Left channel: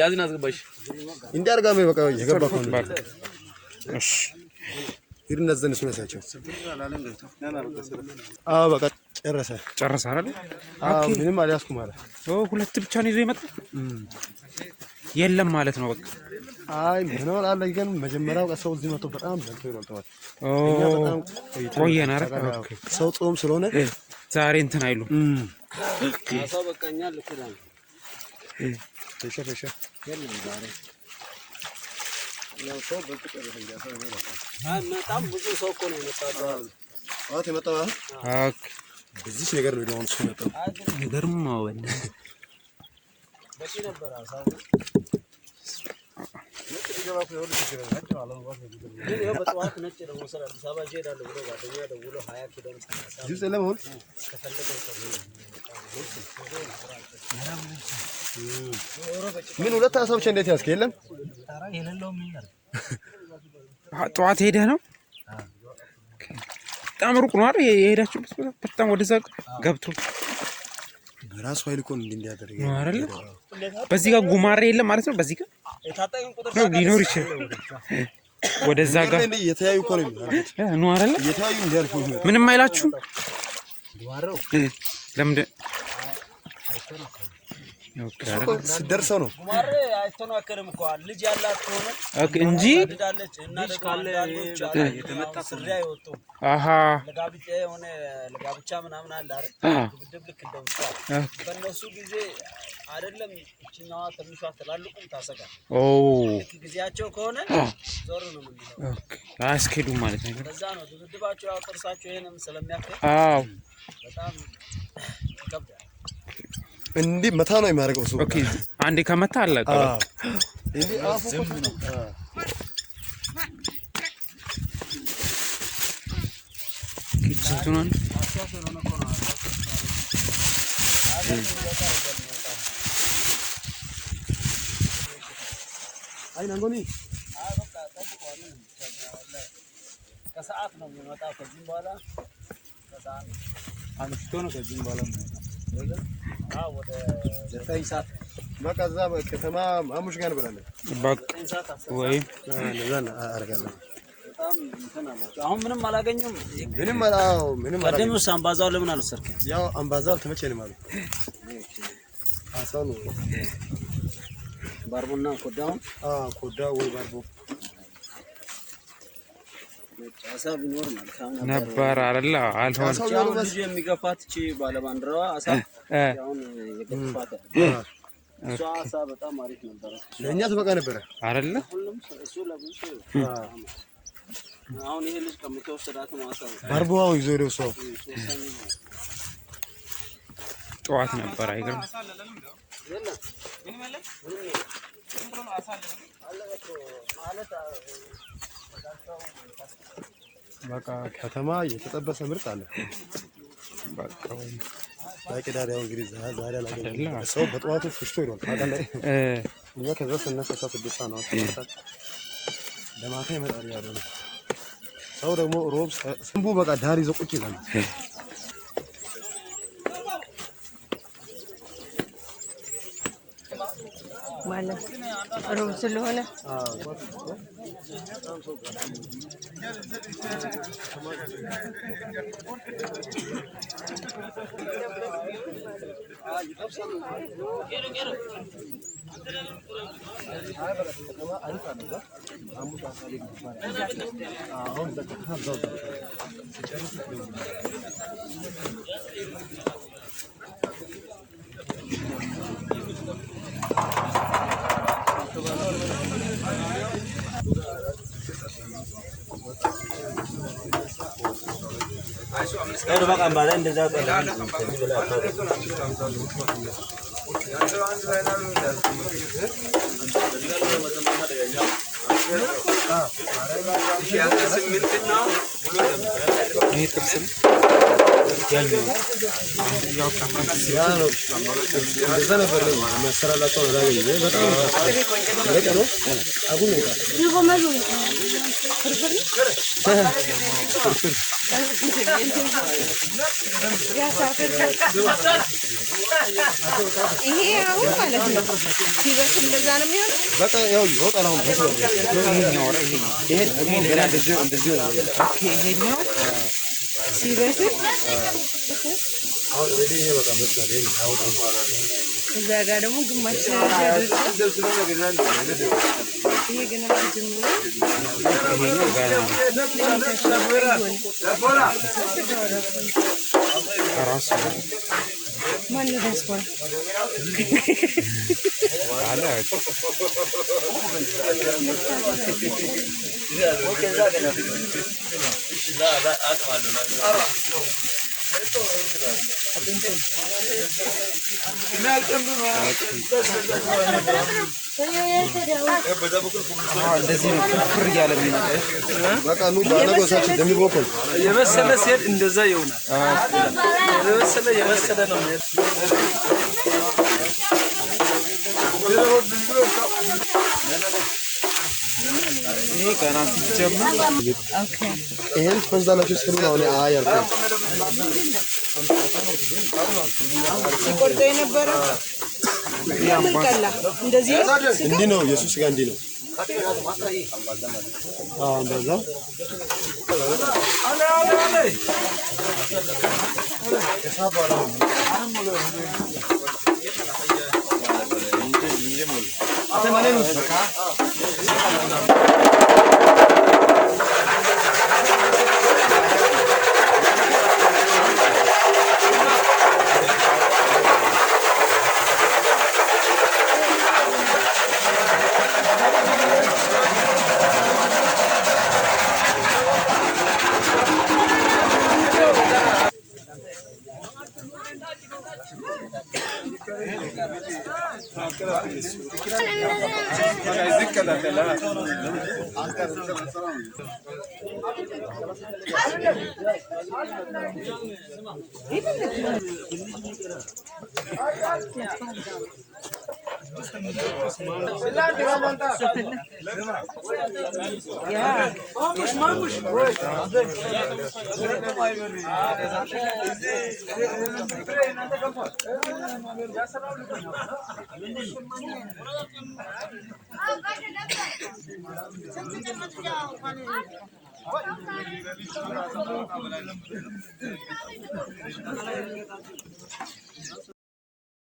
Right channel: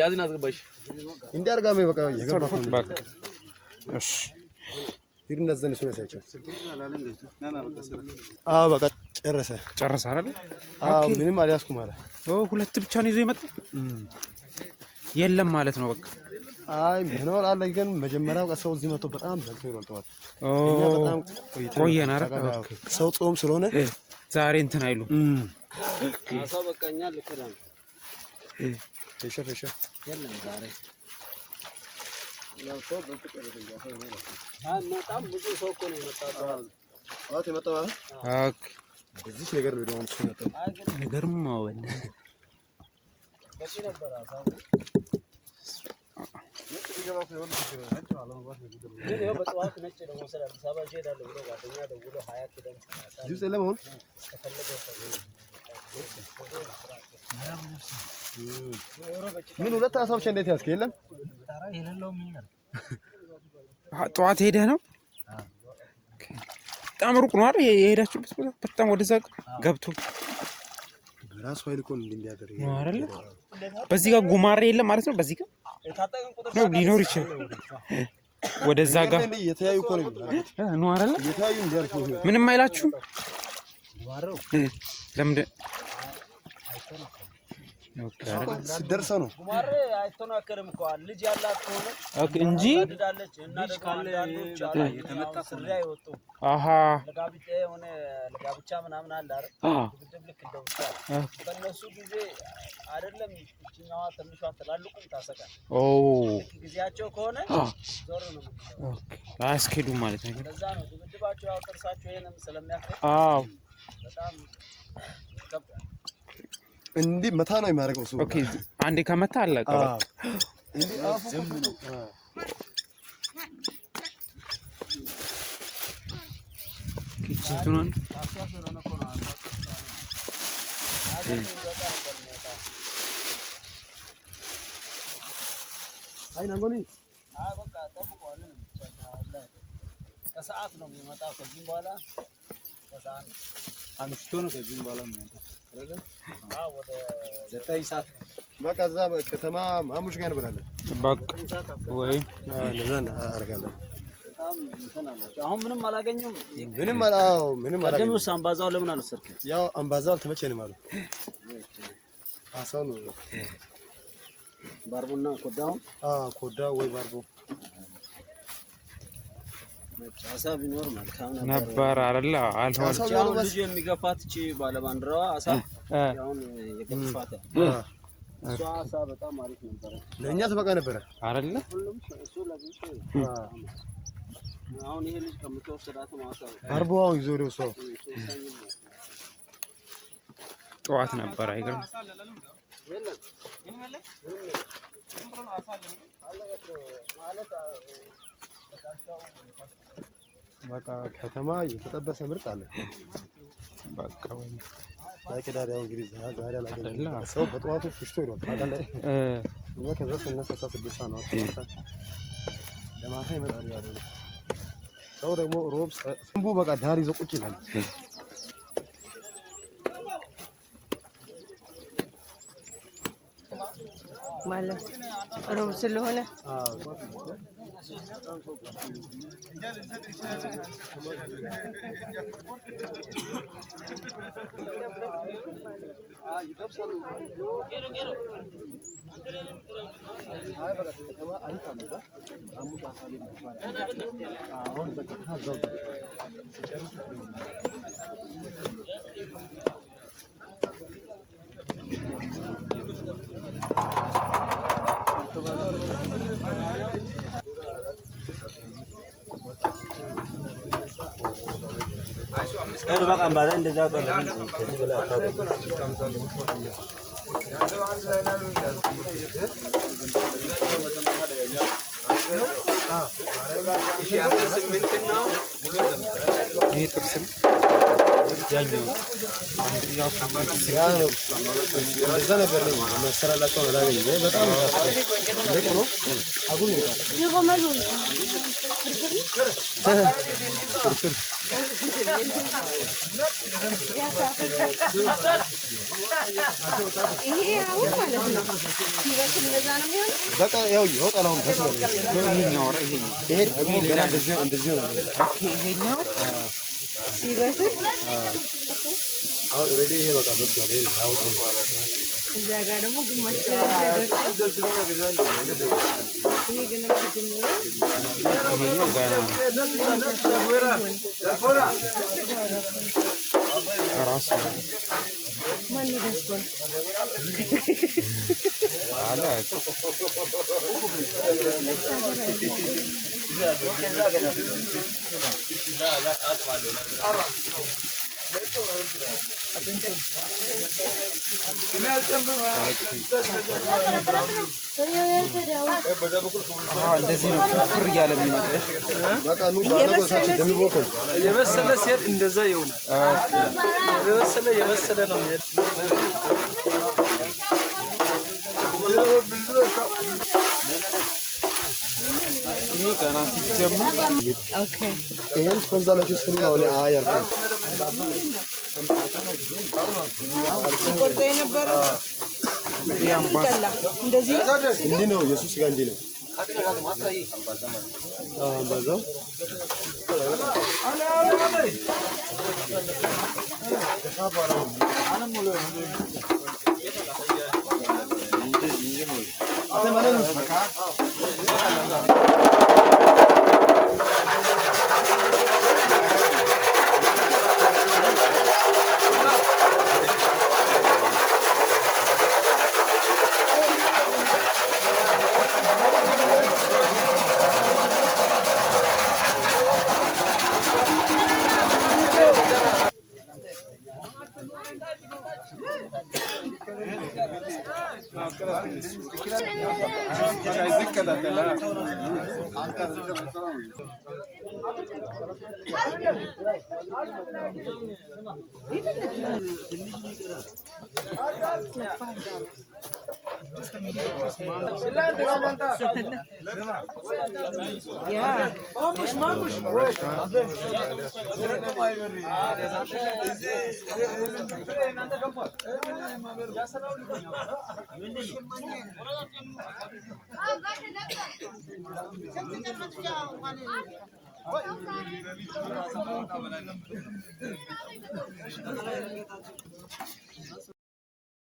ያዝና አስገባሽ እንዴ አርጋሜ በቃ የገባኩ ነው እሺ ይርነዘን ስለሳቸው በቃ ጨረሰ አይደል ምንም አልያዝኩም ማለት ሁለት ብቻ ነው ይዞ ይመጣ የለም ማለት ነው በቃ አይ ምን አለ ግን መጀመሪያው ሰው እዚህ መጥቶ በጣም ደርሶ ይወጣዋል እኛ በጣም ቆየና አይደል ሰው ጾም ስለሆነ ዛሬ እንትን አይሉ ሰው በቃኛ ልኩላል ተሸፈሸ የለም ዛሬ ነው ሰው በፍቅር ይያሳው ይላል በጣም ብዙ ሰው እኮ ነው የመጣው የመጣው በዚህ ነገር ነው ደግሞ እሱ መጣው ይገርማው በቂ ነበር አሳው ነጭ ቢገባ እኮ ይወል ይችላል ነጭ አለም ወጥ ይገርም ይሄ በጠዋት ነጭ ደግሞ ሰራ አዲስ አበባ ሄዳለሁ ብሎ ጓደኛ ደውሎ 20 ኪሎ መስራት ጁስ ለምን ከፈለገው ምን ሁለት ሀሳብ እንዴት ያስከ የለም ታራ የሌለው ምን ነው ጠዋት ሄደ ነው በጣም ሩቅ ነው አይደል የሄዳችሁበት በጣም ወደዛ ገብቶ በራስ ኃይል እኮ እንዲያደርግ አይደል በዚህ ጋር ጉማሬ የለም ማለት ነው በዚህ ጋር ሊኖር ይችላል ወደዛ ጋር እየተያዩ እኮ ነው ነው አይደል እየተያዩ እንዲያልፉ ምንም አይላችሁ ለምን ስደርሰው ነው ጉማሬ አይተናከርም እኮ ልጅ ያላት ሆነ እንጂ ታድዳለች እና ደግሞ አንዳንዶች የተመጣ ስሪያ ይወጡ ለጋብቻ ሆነ ለጋብቻ ምናምን አለ አይደል ድብድብ ልክ እንደውቻ በእነሱ ጊዜ አይደለም እቺኛዋ ትንሿ ተላልቁም ታሰጋ ልክ ጊዜያቸው ከሆነ ዞር ነው የሚለው አስኪዱ ማለት ነው ለዛ ነው ድብድባቸው ያው ጥርሳቸው ይሄንም ስለሚያከል በጣም ከብዳል እንዴ መታ ነው የሚያደርገው ሰው ኦኬ አንዴ ከመታ አለቀ እንዴ አፉ ኪችንቱን አይናንጎኒ በቃ ጠብቀዋል ከሰዓት ነው የሚመጣው ከዚህ በኋላ ከሰዓት አንስቶ ነው ከዚህ በኋላ ወደ 9 ሰዓት በቃ እዛ ከተማ ማሙሽ ጋር ብራለህ ወይ ለዛና አርጋለሁ በጣም እንትና ናቸው አሁን ምንም አላገኙም ምንም ቀደምስ አምባዛው ለምን አልወሰድከኝ ያው አምባዛው ተመቸኝ ማለት አሳኑ ባርቦና ኮዳው ኮዳው ወይ ባርቦ አሳ ቢኖር መልካም ነበር አይደል አልሆነ ልጅ የሚገፋት እቺ ባለባንድራዋ አሳ አሁን የገፋት እሷ አሳ በጣም አሪፍ ነበር ለኛ ተበቃ ነበር አይደል ሁሉም እሱ ለብዙ አሁን ይሄ ልጅ ከምትወስዳት ነው አሳ ባርቦው ይዞ ነው ሰው ጠዋት ነበር አይገርም የለም ምን አሳ ማለት በቃ ከተማ የተጠበሰ ምርጥ አለ በቃ ባይቀዳሪያው እንግዲህ ዛሬ አላገኘም ሰው በጠዋቱ ፍሽቶ ይሏል ታዲያ እኛ ከዛ ስነሳ ስድስት ነው ለማታ ይመጣል ያለው ሰው ደግሞ ሮብ ስንቡ በቃ ዳር ይዞ ቁጭ ይላል ማለት ሮብ ስለሆነ Kalau makan bareng dia jawab. ያ ነው እንደዛ ነበር መሰራላቸው አላገኘ በጣም ደረቅ ነው አሁን ይሄ አሁን ማለት ነው ሲበስል እንደዛ ነው የሚሆነው። በቃ ያው ወጣላው ይሄ ደግሞ ገና እንደዚህ ነው ይሄኛው ሲበስል አሁን ሬዲ ይሄ በቃ መስራት ያው እዛ ጋር ደግሞ ግማሽ ይሄ ገና ተጀምሮ ማነው ዲያስፖራ እንደዚህ ነው ፍር እያለ በቃ ነው ባለጎሳችን እንደሚቦከው የመሰለ ሴት እንደዛ ይሆናል። የመሰለ ነው። ይሄ ገና ሲጀምር ይሄን ፈንዛላችሁ ስለሆነ ነው አያልኩ ሲቆርጦ የነበረ ምን ቀላ እንደዚህ እንዲህ ነው ኢየሱስ ጋር እንዲህ ነው እንደዛው